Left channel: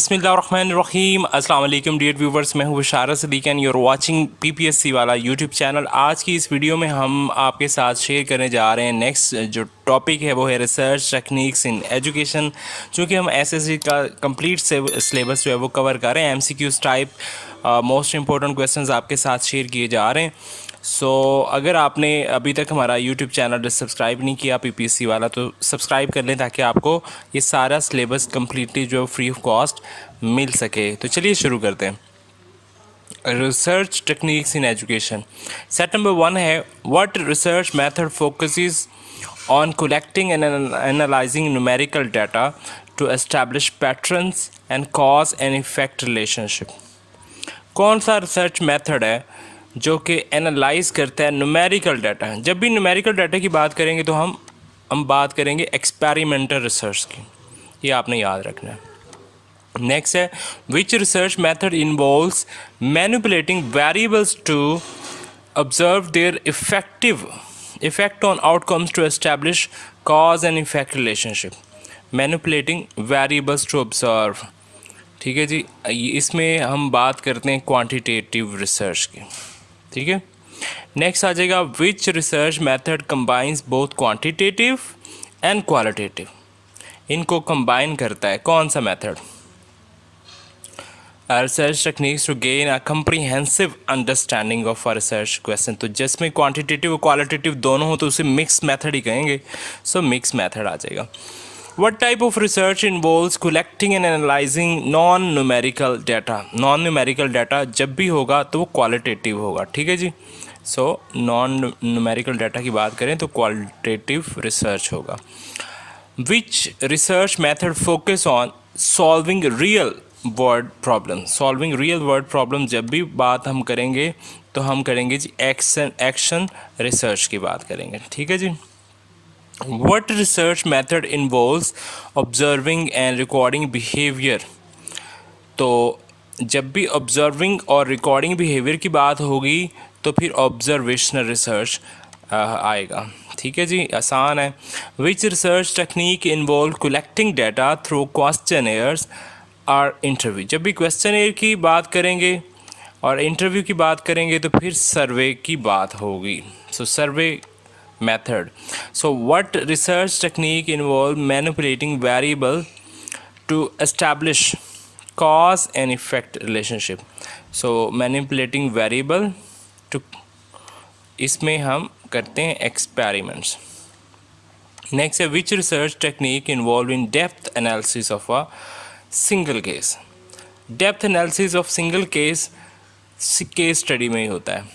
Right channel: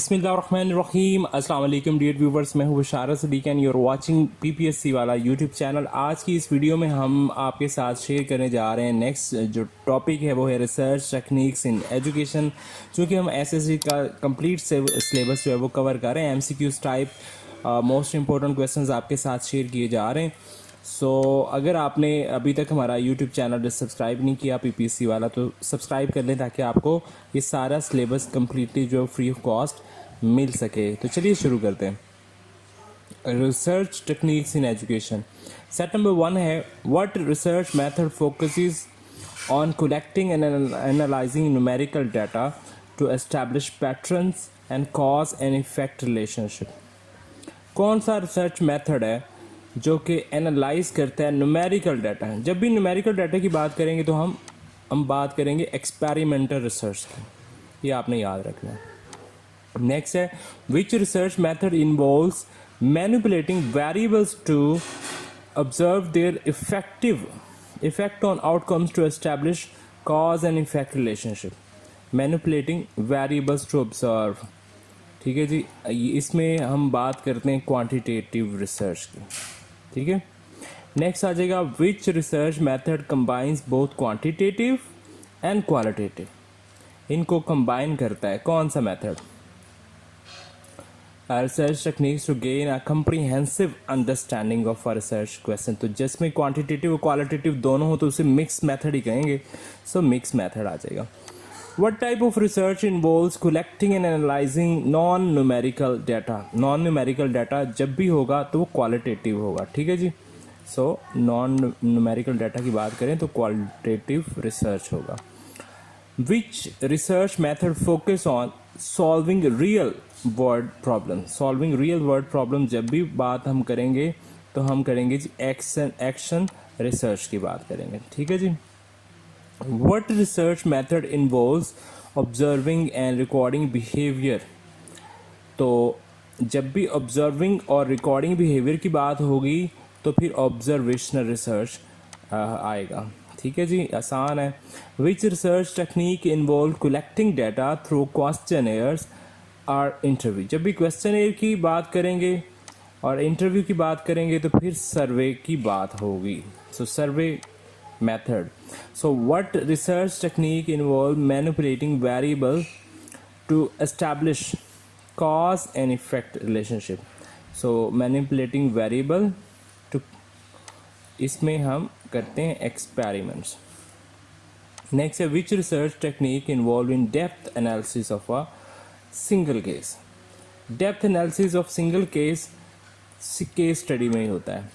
बिस्मिल्लाहिर्रहमानिर्रहीम अस्सलाम वालेकुम डियर व्यूवर्स, मैं हूँ Basharat Siddiqui and you are watching PPSC वाला यूट्यूब चैनल। आज की इस वीडियो में हम आपके साथ शेयर करने जा रहे हैं नेक्स्ट जो टॉपिक है वो है रिसर्च टेक्निक्स इन एजुकेशन। चूँकि हम एसएससी का कंप्लीट सिलेबस जो है वो कवर कर रहे हैं, MCQs type most important questions आपके साथ शेयर किए जा रहे हैं। अगर आपने अभी तक हमारा यूट्यूब चैनल सब्सक्राइब नहीं किया पीपीएससी वाला तो सब्सक्राइब कर लें ताकि आपको ये सारा सिलेबस कम्प्लीटली जो फ्री ऑफ कॉस्ट मिल सके। तो चलिए शुरू करते हैं। Research techniques in education, set number 1 है what research method focuses on collecting and analysing numerical data to establish patterns and cause and effect relationship. कौन सा रिसर्च मेथड है जो कि एनालाइज करता है न्यूमेरिकल डाटा। जब भी न्यूमेरिकल डाटा की बात करेंगे तो हम बात करेंगे एक्सपेरिमेंटल रिसर्च की, ये आपने याद रखना है। नेक्स्ट है which research method involves manipulating variables to observe their effect on outcomes to establish cause and effect relationship. Manipulating variables to observe, ठीक है जी। इसमें हम बात करते हैं क्वांटिटेटिव रिसर्च की, ठीक है। नेक्स्ट आ जाएगा which research method combines both quantitative and qualitative. इनको कंबाइन करता है कौन सा method? Research techniques to gain a comprehensive understanding of a research question. तो जिसमें क्वांटिटेटिव और क्वालिटेटिव दोनों हो तो उसे मिक्स मेथड ही कहेंगे। मिक्स मेथड आ जाएगा। What type of research involves collecting and analyzing non-numerical data? Non-numerical data जब भी होगा तो वो qualitative होगा, ठीक है जी। non-numerical data की बात करें तो qualitative research होगा। Which research method focus on solving real world problem? Solving real world problem जब भी बात हम करेंगे तो हम करेंगे जी एक्शन रिसर्च की बात करेंगे, ठीक है जी। What research method involves observing and recording behavior? तो जब भी observing और recording behavior की बात होगी तो फिर observational research आएगा, ठीक है जी, आसान है। Which research technique involve collecting data through questionnaires or interview? जब भी questionnaire की बात करेंगे और interview की बात करेंगे तो फिर survey की बात होगी। survey method. What research technique involve manipulating variable to establish cause and effect relationship? Manipulating variable to, इसमें हम करते हैं experiments. Next है which research technique involved in depth analysis of a single case? Depth analysis of single case study में ही होता है,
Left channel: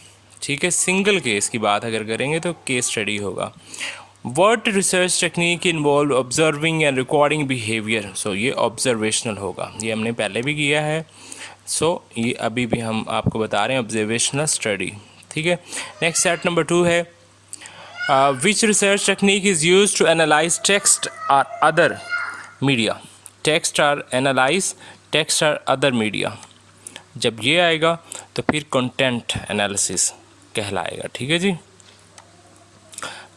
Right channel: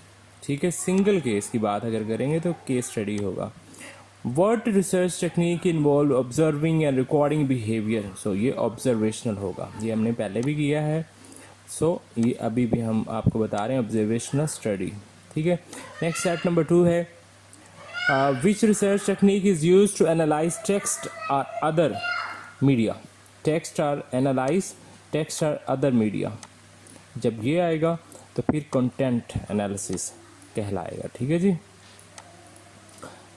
ठीक है। सिंगल केस की बात अगर करेंगे तो केस स्टडी होगा। What research technique involve observing and recording behaviour? ये ऑब्जर्वेशनल होगा, ये हमने पहले भी किया है। ये अभी भी हम आपको बता रहे हैं ऑब्जर्वेशनल स्टडी, ठीक है। नेक्स्ट सेट नंबर 2 है which research technique is use to analyze text और अदर मीडिया? टेक्स्ट और अदर मीडिया जब ये आएगा तो फिर कंटेंट एनालिसिस कहलाएगा, ठीक है जी।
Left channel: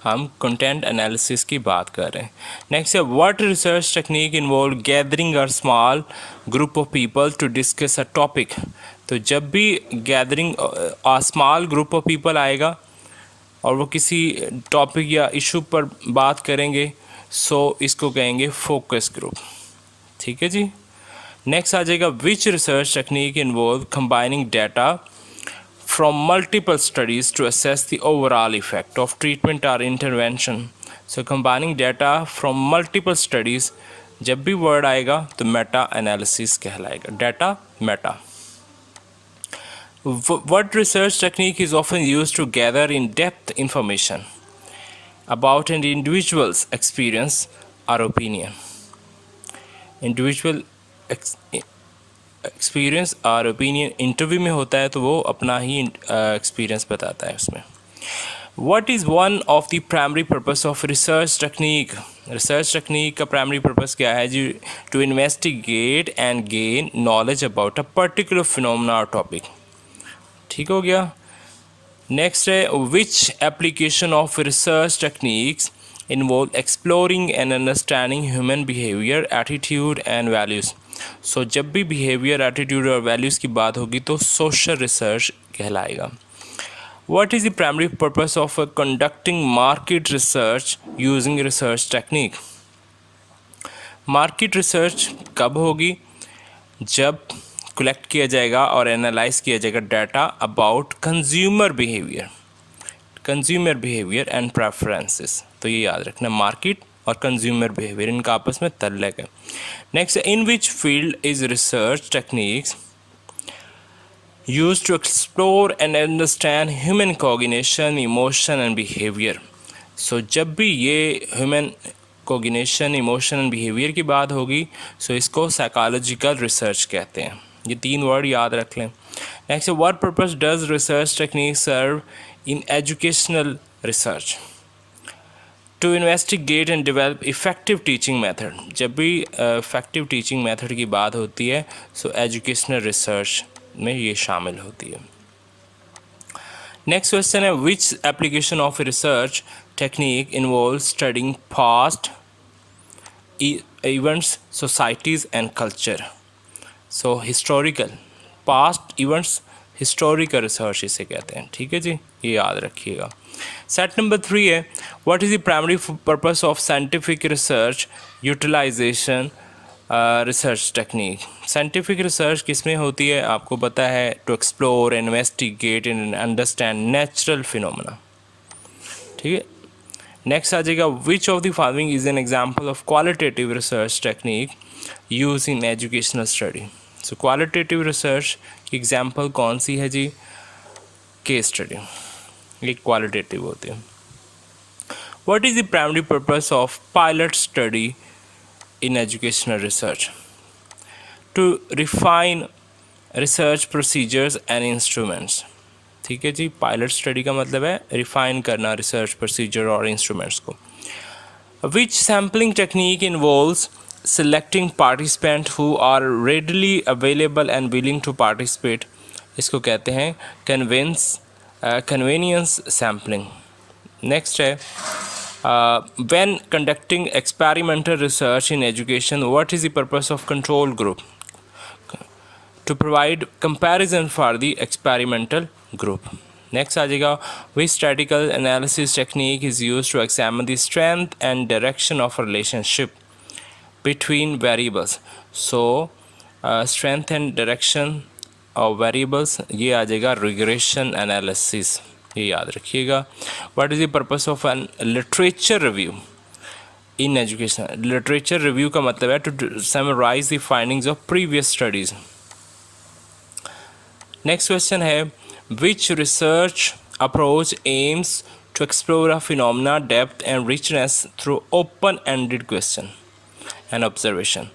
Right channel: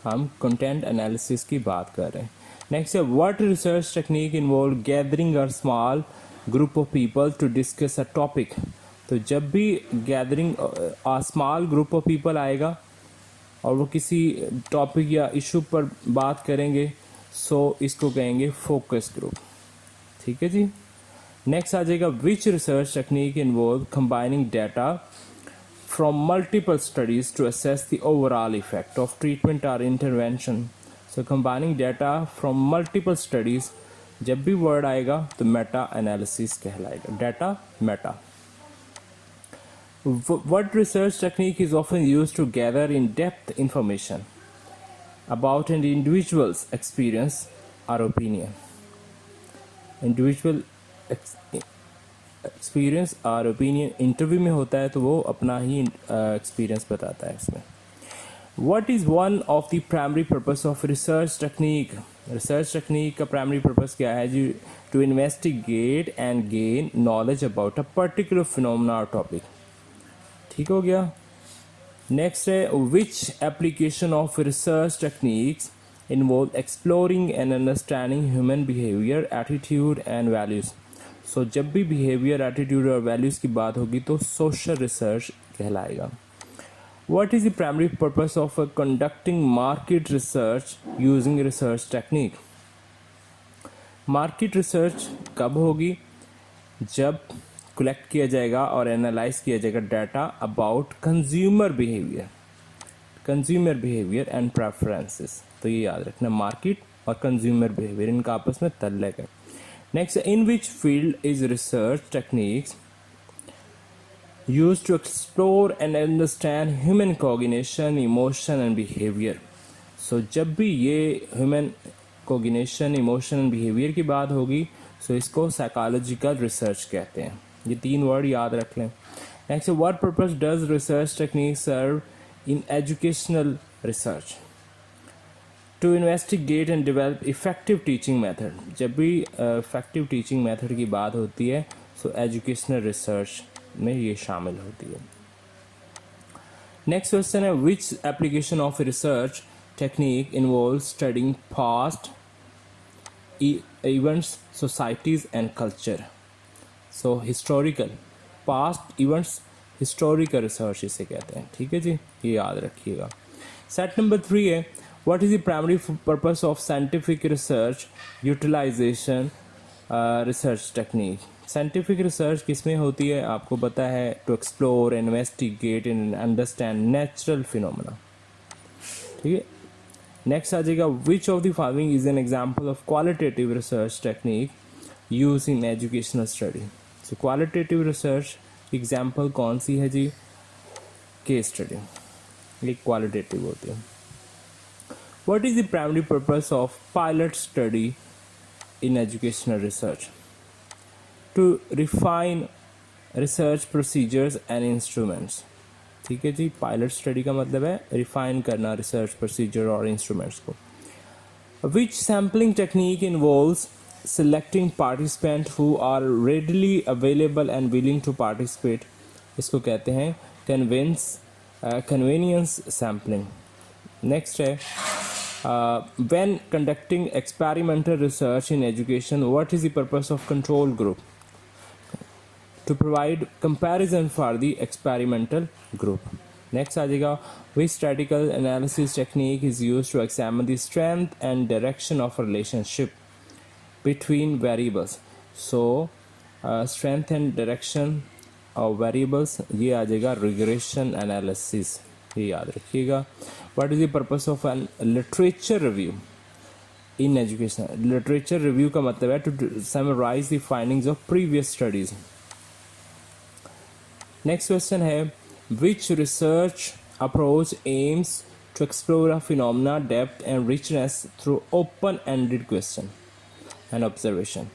हम कंटेंट एनालिसिस की बात कर रहे हैं। नेक्स्ट है what research technique involve gathering a small group of people to discuss a topic? तो जब भी gathering a small group of people आएगा और वो किसी टॉपिक या इशू पर बात करेंगे इसको कहेंगे फोकस ग्रुप, ठीक है जी। नेक्स्ट आ जाएगा which research technique involve combining data from multiple studies to assess the overall effect of treatment or intervention. Combining data from multiple studies, जब भी word आएगा तो meta analysis कहलाएगा, data meta. What research technique is often used to gather in-depth information about an individual's experience or opinion? Individual experience और opinion interview में होता है तो वो अपना ही एक्सपीरियंस बताता है उसमें। What is one of the primary purpose of research technique? Research technique का प्राइमरी पर्पस क्या है जी? To investigate and gain knowledge about a particular phenomena और टॉपिक, ठीक हो गया। नेक्स्ट है which application of research techniques involve exploring and understanding human behaviour, attitude and values? So जब भी बिहेवियर, एटीट्यूड और वैल्यूज़ की बात होगी तो सोशल रिसर्च कहलाएगा. What is the primary purpose of conducting market research using research technique? Market research कब होगी? जब कलेक्ट किया जाएगा और एनालाइज किया जाएगा data about consumer behaviour and preferences. तो ये याद रखना, मार्केट और कंज्यूमर बिहेवियर इनका आपस में तल्लक है. Next, in which field is research techniques used to explore and understand human cognition, emotion and behavior. So जब भी ये human cognition, emotion and behavior की बात होगी so इसको psychological research कहते हैं. ये 3 वर्ड याद रख लें. Next, what purpose does research techniques serve in educational research? To investigate and develop effective teaching method. जब भी effective teaching method की बात होती है so educational research में ये शामिल होती है. नेक्स्ट क्वेश्चन है, which application of research technique involve studying past events, societies and culture. So historical, past events, historical research इसे कहते हैं. ठीक है जी, ये याद रखिएगा. सेट नंबर 3 है, what is the primary purpose of scientific research utilisation research technique. Scientific research किस में होती है आपको पता है? To explore, investigate and understand natural phenomena. ठीक है. नेक्स्ट आ जाएगा, which of the following is an example of qualitative research technique use in educational study. So qualitative research की एग्जांपल कौन सी है जी? केस स्टडी, ये क्वालिटेटिव होती है. What is the primary purpose of pilot study in educational research? To refine research procedures and instruments. ठीक है जी, पायलट स्टडी का मतलब है रिफाइन करना रिसर्च प्रोसीजर और इंस्ट्रूमेंट्स को. Which sampling technique involves selecting participants who are readily available and willing to participate. इसको कहते हैं convenience sampling. नेक्स्ट है, when conducting experimental research in education, what is the purpose of control group? To provide comparison for the experimental group. Next आ जाएगा, which statistical analysis technique is used to examine the strength and direction of relationship between variables. So strength and direction of variables, ये आ जाएगा regression analysis, ये याद रखिएगा. What is the purpose of an literature review in education? Literature review का मतलब है to summarize the findings of previous studies. Next question है, which research approach aims to explore a phenomena depth and richness through open ended question and observation.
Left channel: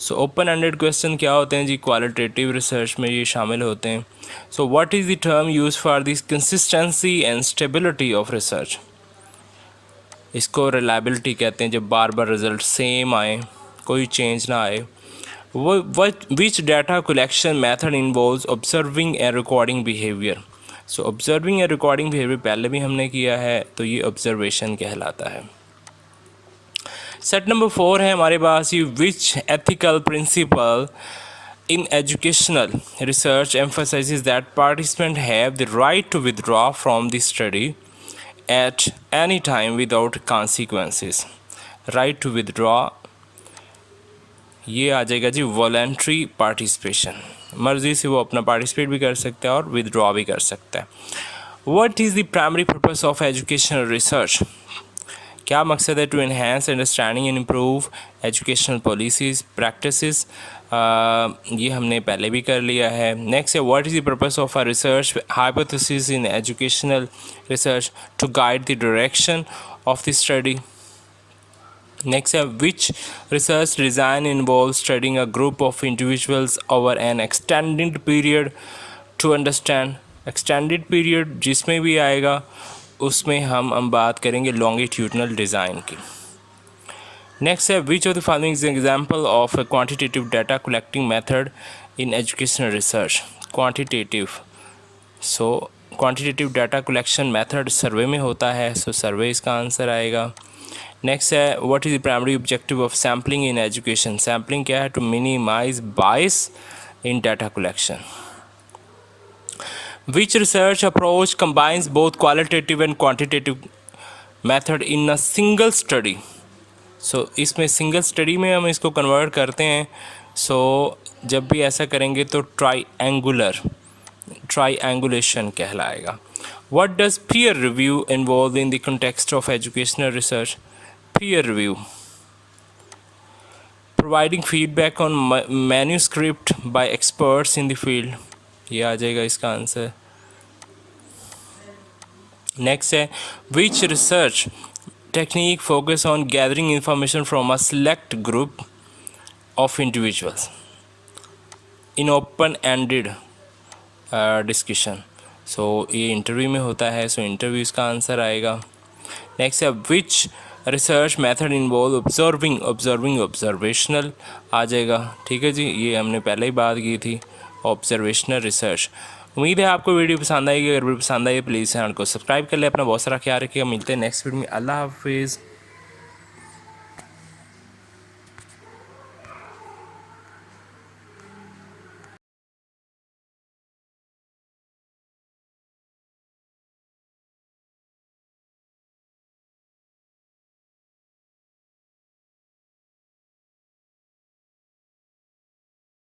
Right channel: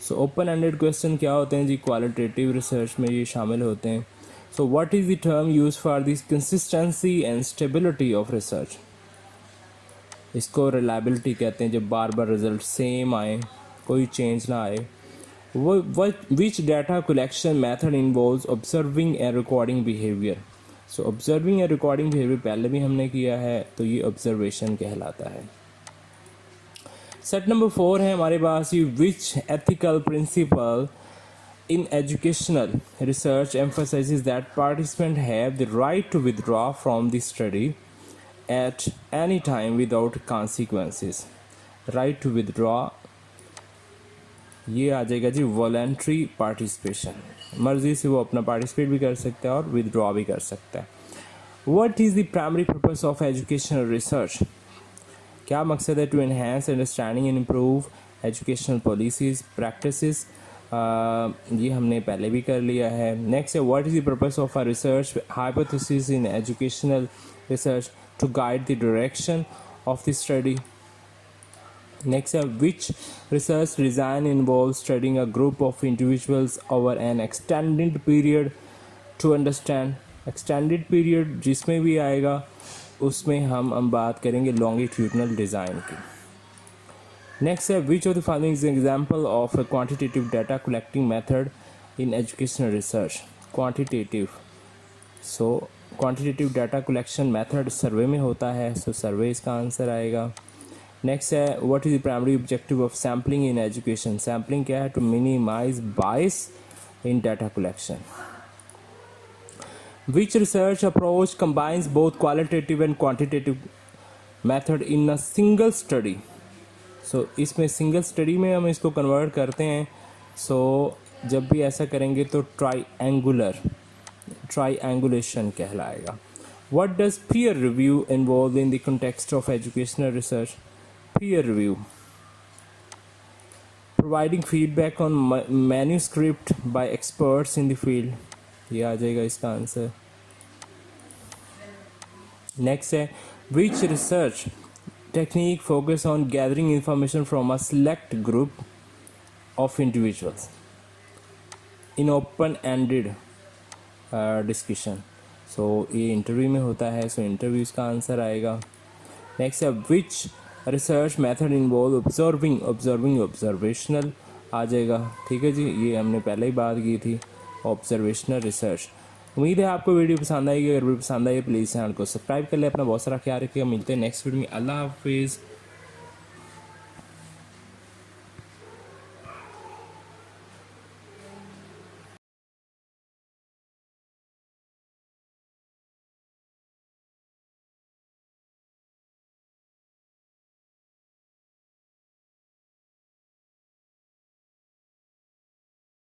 So open ended question क्या होते हैं जी? Qualitative research में ये शामिल होते हैं. So what is the term use for this consistency and stability of research? इसको reliability कहते हैं, जब बार बार रिजल्ट सेम आए, कोई चेंज ना आए. Which data collection method involves observing and recording behaviour. So observing and recording behaviour पहले भी हमने किया है, तो ये ऑब्जर्वेशन कहलाता है. सेट नंबर 4 है हमारे पास, ये which ethical principle in educational research emphasizes that participants have the right to withdraw from the study at any time without consequences. Right to withdraw, ये आ जाएगा जी voluntary participation. मर्जी से वो अपना पार्टिसिपेट भी कर सकता है और विदड्रॉ भी कर सकता है. What is the primary purpose of educational research? क्या मकसद है? To enhance understanding and improve educational policies practices. ये हमने पहले भी कर लिया है. नेक्स्ट है, what is the purpose of a research hypothesis in educational research? To guide the direction of the study. Next है, which research design involve studying a group of individuals over an extended period to understand. Extended period जिसमें भी आएगा उसमें हम बात करेंगे longitudinal design की. Next है, which of the following is example of a quantitative data collecting method in educational research? Quantitative, so quantitative data collection method survey में होता है, सो सर्वे इसका आंसर आएगा. नेक्स्ट है what is the primary objective of sampling in education. Sampling क्या है? To minimize bias in data collection. Which research approach combines both qualitative and quantitative method in a single study? So इसमें single study में हम इसको convert करते हैं. सो जब भी ऐसा करेंगे तो ट्राईएंगुलेशन कहलाएगा. What does peer review involve in the context of educational research? Peer review, providing feedback on manuscript by experts in the field. ये आ जाएगा इसका आंसर. नेक्स्ट है which research technique focus on gathering information from a select group of individuals in open ended discussion. So ये interview में होता है. So interview इसका answer आएगा. नेक्स्ट है which research method involve observational आ जाएगा. ठीक है जी, ये हमने पहले ही बात की थी, ऑब्जर्वेशनल रिसर्च. उम्मीद है आपको वीडियो पसंद आएगी. अगर वीडियो पसंद आई प्लीज़ चैनल को सब्सक्राइब कर ले. अपना बहुत सारा ख्याल रखिएगा. मिलते हैं नेक्स्ट वीडियो में. अल्लाह हाफिज़.